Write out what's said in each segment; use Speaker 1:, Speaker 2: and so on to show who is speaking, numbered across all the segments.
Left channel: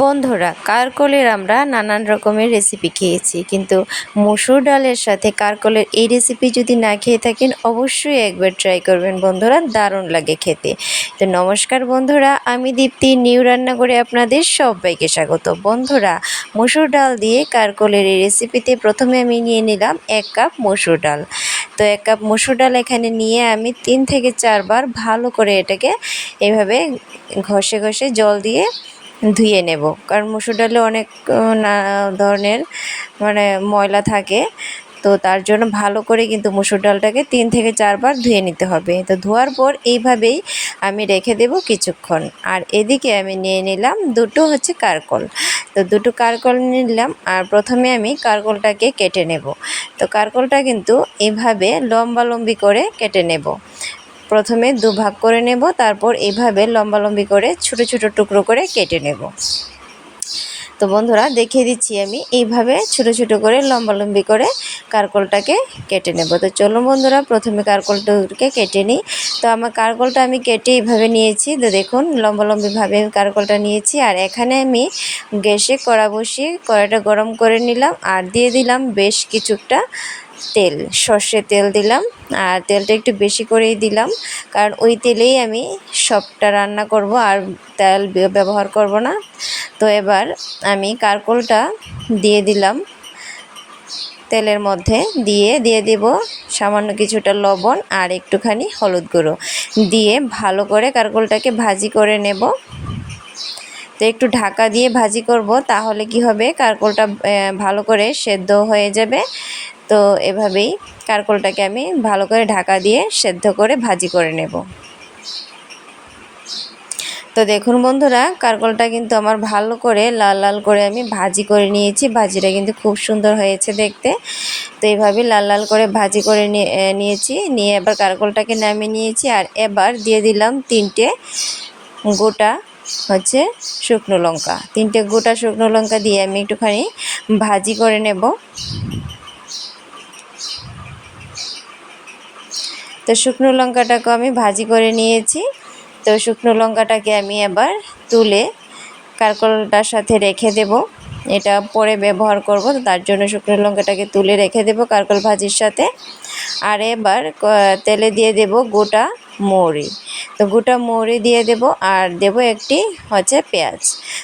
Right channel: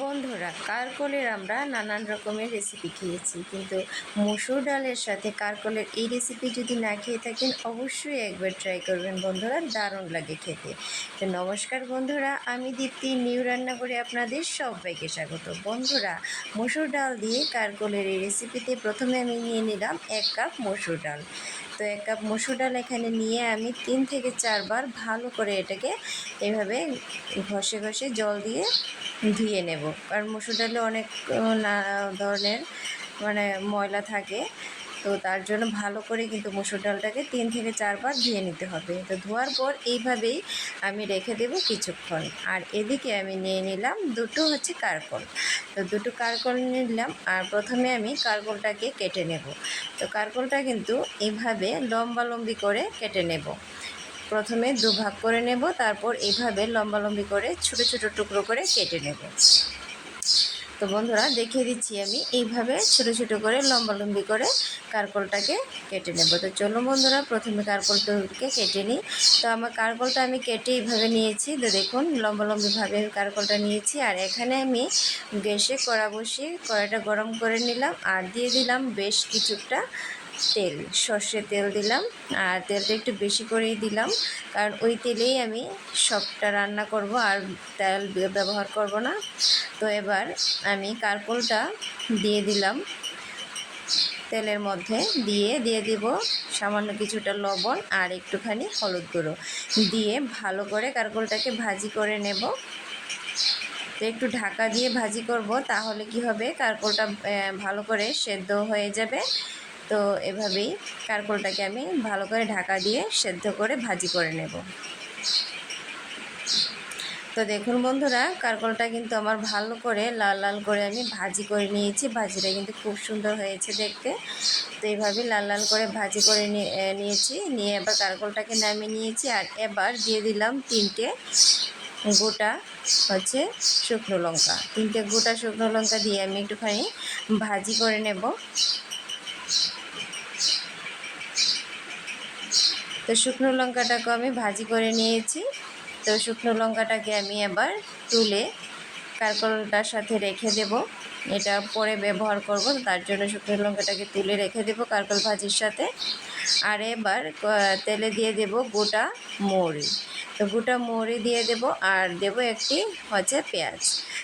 Speaker 1: বন্ধুরা, কারকলের আমরা নানান রকমের রেসিপি খেয়েছি, কিন্তু মসুর ডালের সাথে কারকলের এই রেসিপি যদি না খেয়ে থাকেন, অবশ্যই একবার ট্রাই করবেন বন্ধুরা, দারুণ লাগে খেতে। তো নমস্কার বন্ধুরা, আমি দীপ্তি নিউ রান্না করে আপনাদের সবাইকে স্বাগত। বন্ধুরা, মসুর ডাল দিয়ে কারকলের এই রেসিপিতে প্রথমে আমি নিয়ে নিলাম এক কাপ মসুর ডাল। তো এক কাপ মসুর ডাল এখানে নিয়ে আমি তিন থেকে চারবার ভালো করে এটাকে এভাবে ঘষে ঘষে জল দিয়ে ধুয়ে নেব। কারণ মুসুর ডালে অনেক ধরনের মানে ময়লা থাকে। তো তার জন্য ভালো করে কিন্তু মুসুর ডালটাকে তিন থেকে চারবার ধুয়ে নিতে হবে। তো ধোয়ার পর এইভাবেই আমি রেখে দেব কিছুক্ষণ। আর এদিকে আমি নিয়ে নিলাম দুটো হচ্ছে কারকল। তো দুটো কারকল নিলাম আর প্রথমে আমি কারকলটাকে কেটে নেব। তো কারকলটা কিন্তু এইভাবে লম্বা লম্বি করে কেটে নেব। প্রথমে দু ভাগ করে নেব, তারপর এইভাবে লম্বালম্বি করে ছোট ছোট টুকরো করে কেটে নেব। তো বন্ধুরা, দেখিয়ে দিচ্ছি আমি। এইভাবে ছোট ছোট করে লম্বালম্বি করে কারকলটাকে কেটে নেব। তো চলো বন্ধুরা, প্রথমে কারকলটাকে কেটে নিই। তো আমার কারকলটা আমি কেটে এইভাবে নিয়েছি। তো দেখুন লম্বালম্বিভাবে আমি কারকলটা নিয়েছি। আর এখানে আমি গ্যাসে কড়া বসিয়ে কড়াটা গরম করে নিলাম। আর দিয়ে দিলাম বেশ কিছুটা তেল, সর্ষে তেল দিলাম আর তেলটা একটু বেশি করেই দিলাম। কারণ ওই তেলেই আমি সবটা রান্না করব আর তেল ব্যবহার করব না। তো এবার আমি কারকলটা দিয়ে দিলাম তেলের মধ্যে। দিয়ে দিয়ে দেব সামান্য কিছুটা লবণ আর একটুখানি হলুদ গুঁড়ো। দিয়ে ভালো করে কারকলটাকে ভাজি করে নেব। তো একটু ঢাকা দিয়ে ভাজি করব তাহলে কি হবে? কারকলটা ভালো করে সেদ্ধ হয়ে যাবে। তো এভাবেই কারকলটাকে আমি ভালো করে ঢাকা দিয়ে সেদ্ধ করে ভাজি করে নেব। তো দেখুন বন্ধুরা, কারকলটা কিন্তু আমার ভালো করে লাল লাল করে আমি ভাজি করে নিয়েছি। ভাজিটা কিন্তু খুব সুন্দর হয়েছে দেখতে। তো এইভাবে লাল লাল করে ভাজি করে নিয়ে- নিয়েছি। নিয়ে এবার কারকলটাকে নামিয়ে নিয়েছি আর এবার দিয়ে দিলাম তিনটে গোটা হচ্ছে শুকনো লঙ্কা। তিনটে গোটা শুকনো লঙ্কা দিয়ে আমি একটুখানি ভাজি করে নেব। তো শুকনো লঙ্কাটাকে আমি ভাজি করে নিয়েছি। তো শুকনো লঙ্কাটাকে আমি এবার তুলে কারকলটার সাথে রেখে দেব। এটা পরে ব্যবহার করব তার জন্য শুকনো লঙ্কাটাকে তুলে রেখে দেব কারকল ভাজির সাথে। আর এবার তেলে দিয়ে দেব গোটা মৌরি। তো গোটা মৌরি দিয়ে দেব আর দেব একটি হচ্ছে পেঁয়াজ।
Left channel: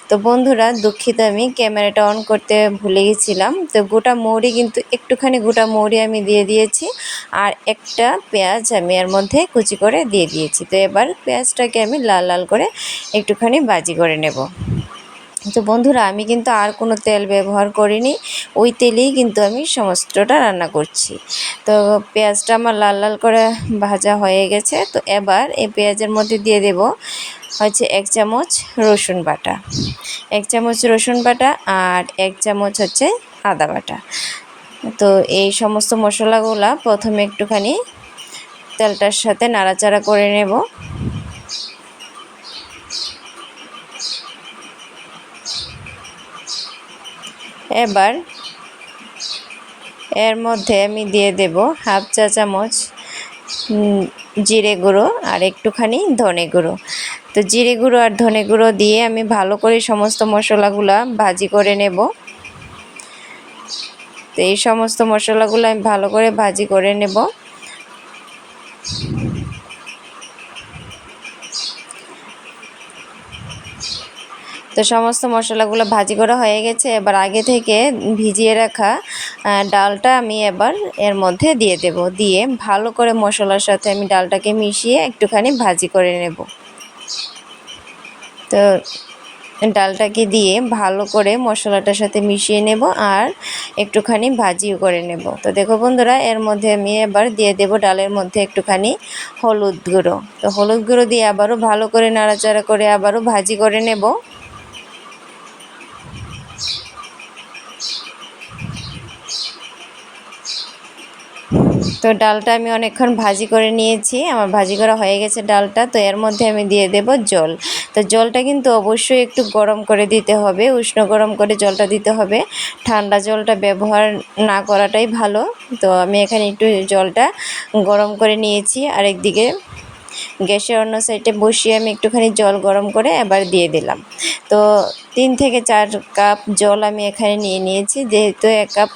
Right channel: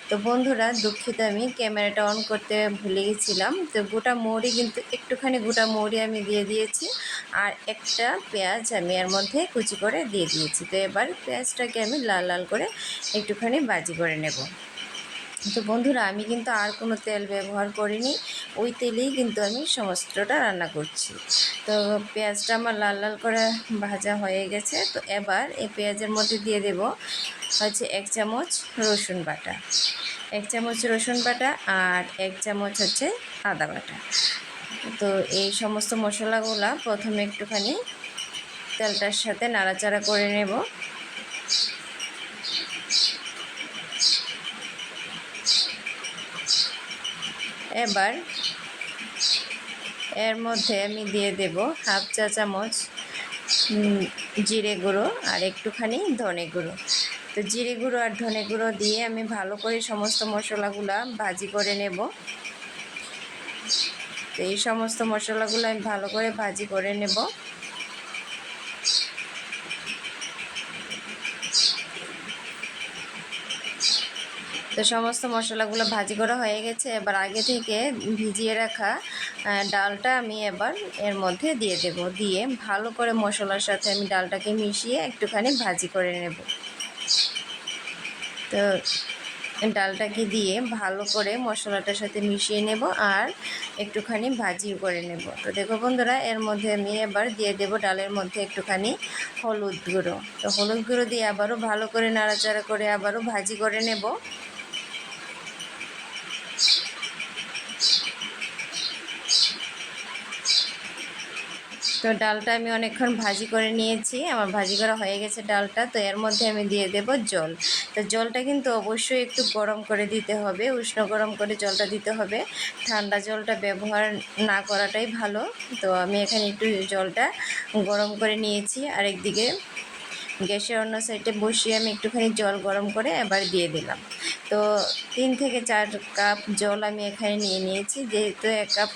Speaker 1: তো বন্ধুরা, দুঃখিত আমি, ক্যামেরাটা অন করতে ভুলে গেছিলাম। তো গোটা মৌরি কিন্তু একটুখানি গোটা মৌরি আমি দিয়ে দিয়েছি আর একটা পেঁয়াজ আমি এর মধ্যে কুচি করে দিয়ে দিয়েছি। তো এবার পেঁয়াজটাকে আমি লাল লাল করে একটুখানি বাজি করে নেব। তো বন্ধুরা, আমি কিন্তু আর কোনো তেল ব্যবহার করিনি। ওই তেলেই কিন্তু আমি সমস্তটা রান্না করছি। তো পেঁয়াজটা আমার লাল লাল করে ভাজা হয়ে গেছে। তো এবার এই পেঁয়াজের মধ্যে দিয়ে দেব হচ্ছে এক চামচ রসুন বাটা। এক চামচ রসুন বাটা আর এক চামচ হচ্ছে আদা বাটা। তো এই সমস্ত মশলাগুলা প্রথমে একটুখানি তেলটার সাথে নাড়াচাড়া করে নেব। এবার এর মধ্যে আমি দিয়ে দেব হাফ চা চামচ জিরে গুঁড়ো আর একটুখানি ধনে গুঁড়ো। তো জিরে গুঁড়ো আর ধনে গুঁড়ো দিয়ে আমি ভালো করে সমস্ত মশলাগুলা ভাজি করে নেব। তো এই সমস্ত মশলাগুলো আমি ভালো করে ভাজি করে নেব। তো সমস্ত মশলাগুলো ভাজি করা হয়ে গেছে। এবার আগে থেকে ভিজিয়ে রাখা ডালটা আমি এবার এর মধ্যে দিয়ে দেব। দিয়ে ভালো করে মশলার সাথে আমি ডালটাকে মিশিয়ে একটুখানি ভাজি করে নেব। তো ডালটাকে দিয়ে ভালো করে মশলাটার সাথে মিশিয়ে নেব আর একটুখানি ভাজিও করে নেব। তো দেখো বন্ধুরা, এর মধ্যে আমি এবার দিয়ে দেব ডালের মধ্যে একটুখানি হলুদ গুঁড়ো। তো হলুদ গুঁড়ো দিয়ে আবারও ভালো করে নাড়াচাড়া করে আবারও ভাজি করে নেব। তো ডালটা আমি অনেকক্ষণ ভাজি করে নিয়েছি। আমার ভাজি করা হয়ে গেছে ডালটা, তো এর মধ্যে আমি দিয়ে দেব জল। তো জলটা কিন্তু অবশ্যই একটু গরম করে দিতে হবে, উষ্ণ গরম করে জলটা দিতে হবে। ঠান্ডা জলটা ব্যবহার না করাটাই ভালো। তো আমি এখানে একটু জলটা গরম করে নিয়েছি। আর একদিকে গ্যাসের অন্য সাইডে বসিয়ে আমি একটুখানি জল গরম করে এবার দিয়ে দিলাম। তো তিন থেকে চার কাপ জল আমি এখানে নিয়ে নিয়েছি। যেহেতু এক কাপ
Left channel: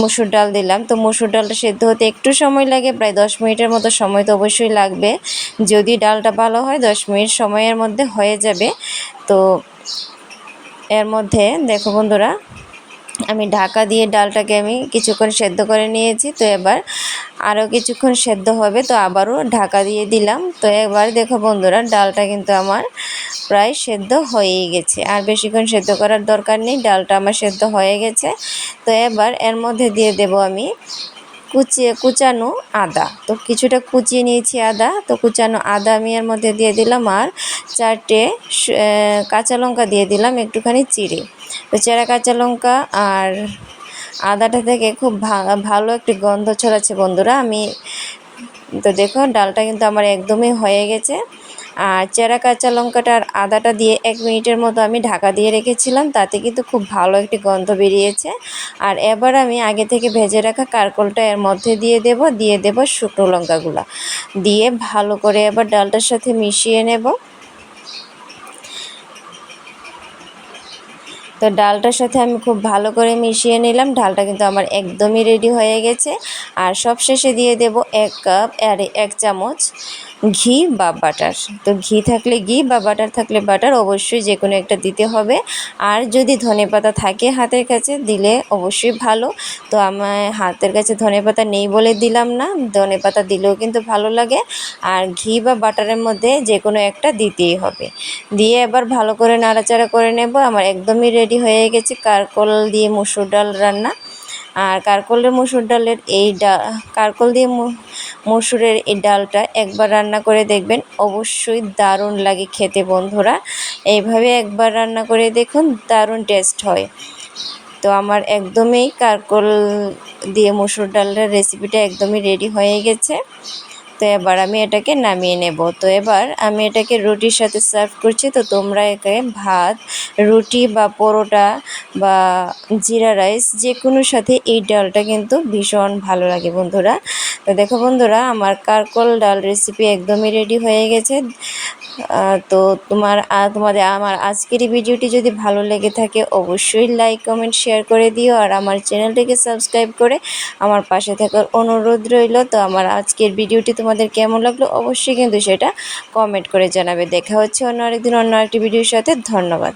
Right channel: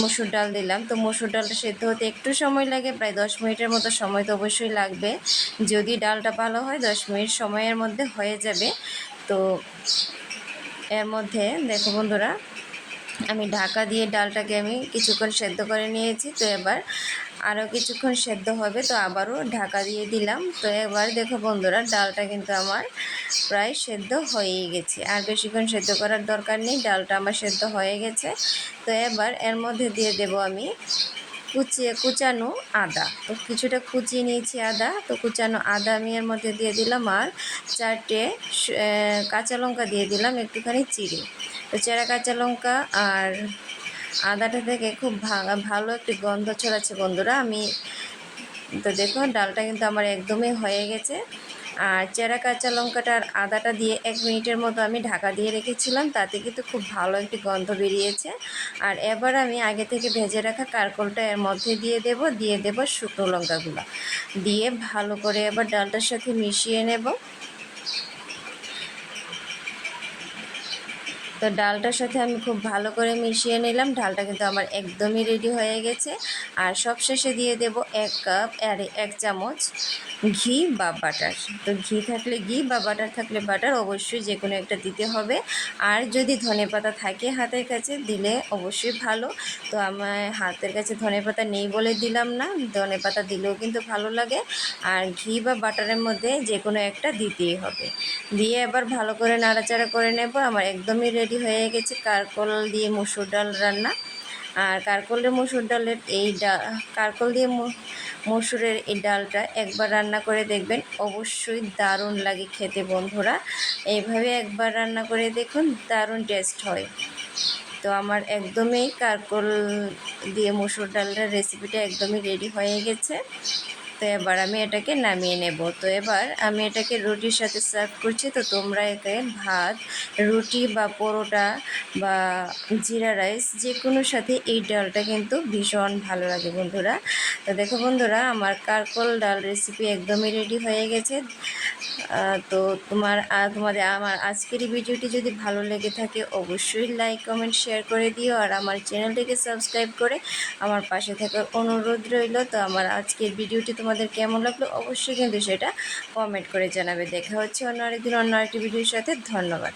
Speaker 1: মসুর ডাল দিলাম। তো মসুর ডালটা সেদ্ধ হতে একটু সময় লাগে, প্রায় দশ মিনিটের মতো সময় তো অবশ্যই লাগবে। যদি ডালটা ভালো হয়, দশ মিনিট সময়ের মধ্যে হয়ে যাবে। তো এর মধ্যে, দেখো বন্ধুরা, আমি ঢাকা দিয়ে ডালটাকে আমি কিছুক্ষণ সেদ্ধ করে নিয়েছি। তো এবার আরও কিছুক্ষণ সেদ্ধ হবে, তো আবারও ঢাকা দিয়ে দিলাম। তো একবার দেখো বন্ধুরা, ডালটা কিন্তু আমার প্রায় সেদ্ধ হয়েই গেছে। আর বেশিক্ষণ সেদ্ধ করার দরকার নেই, ডালটা আমার সেদ্ধ হয়ে গেছে। তো এবার এর মধ্যে দিয়ে দেব আমি কুচিয়ে কুচানো আদা। তো কিছুটা কুচিয়ে নিয়েছি আদা। তো কুচানো আদা আমি এর মধ্যে দিয়ে দিলাম আর চারটে কাঁচা লঙ্কা দিয়ে দিলাম একটুখানি চিড়ে। তো চেরা কাঁচা লঙ্কা আর আদাটা থেকে খুব ভালো একটি গন্ধ ছড়াচ্ছে বন্ধুরা। আমি তো দেখো ডালটা কিন্তু আমার একদমই হয়ে গেছে। আর চেরা কাঁচা লঙ্কাটা আর আদাটা দিয়ে এক মিনিটের মতো আমি ঢাকা দিয়ে রেখেছিলাম, তাতে কিন্তু খুব ভালো একটি গন্ধ বেরিয়েছে। আর এবার আমি আগে থেকে ভেজে রাখা কারকলটা এর মধ্যে দিয়ে দেব দিয়ে দেব শুকনো লঙ্কাগুলো। দিয়ে ভালো করে এবার ডালটার সাথে মিশিয়ে নেব। তো ডালটার সাথে আমি খুব ভালো করে মিশিয়ে নিলাম। ডালটা কিন্তু আমার একদমই রেডি হয়ে গেছে। আর সবশেষে দিয়ে দেব এক কাপ আর এক চামচ ঘি বা বাটার। তো ঘি থাকলে ঘি বা বাটার থাকলে বাটার অবশ্যই যে কোনো একটা দিতে হবে। আর যদি ধনেপাতা থাকে হাতের কাছে, দিলে অবশ্যই ভালো। তো আমার হাতের কাছে ধনেপাতা নেই বলে দিলাম না। ধনেপাতা দিলেও কিন্তু ভালো লাগে। আর ঘি বা বাটারের মধ্যে যে কোনো একটা দিতেই হবে। দিয়ে এবার ভালো করে নাড়াচাড়া করে নেব। আমার একদমই রেডি হয়ে গেছে। কারকল দিয়ে মুসুর ডাল রান্না। আর কারকলের মসুর ডালের এই ডাল কারকল দিয়ে মসুরের এই ডালটা একবার রান্না করে দেখবেন, অবশ্যই দারুণ লাগে খেতে বন্ধুরা। এইভাবে একবার রান্না করে দেখুন, দারুণ টেস্ট হয়। তো আমার একদমই কারকল দিয়ে মসুর ডালের রেসিপিটা একদমই রেডি হয়ে গেছে। তো এবার আমি এটাকে নামিয়ে নেব। তো এবার আমি এটাকে রুটির সাথে সার্ভ করছি। তো তোমরা একে ভাত, রুটি বা পরোটা বা জিরা রাইস যে কোনো সাথে এই ডালটা কিন্তু ভীষণ ভালো লাগে বন্ধুরা। তো দেখো বন্ধুরা, আমার কারকল ডাল রেসিপি একদমই রেডি হয়ে গেছে। তো তোমার তোমাদের, আমার আজকের ভিডিওটি যদি ভালো লেগে থাকে অবশ্যই লাইক কমেন্ট শেয়ার করে দিও। আর আমার চ্যানেলটিকে সাবস্ক্রাইব করে আমার পাশে থাকার অনুরোধ রইল। তো আমার আজকের ভিডিওটি তোমাদের কেমন লাগল অবশ্যই কিন্তু সেটা কমেন্ট করে জানাবে। দেখা হচ্ছে অন্য আরেকদিন অন্য আরেকটি ভিডিওর সাথে। ধন্যবাদ।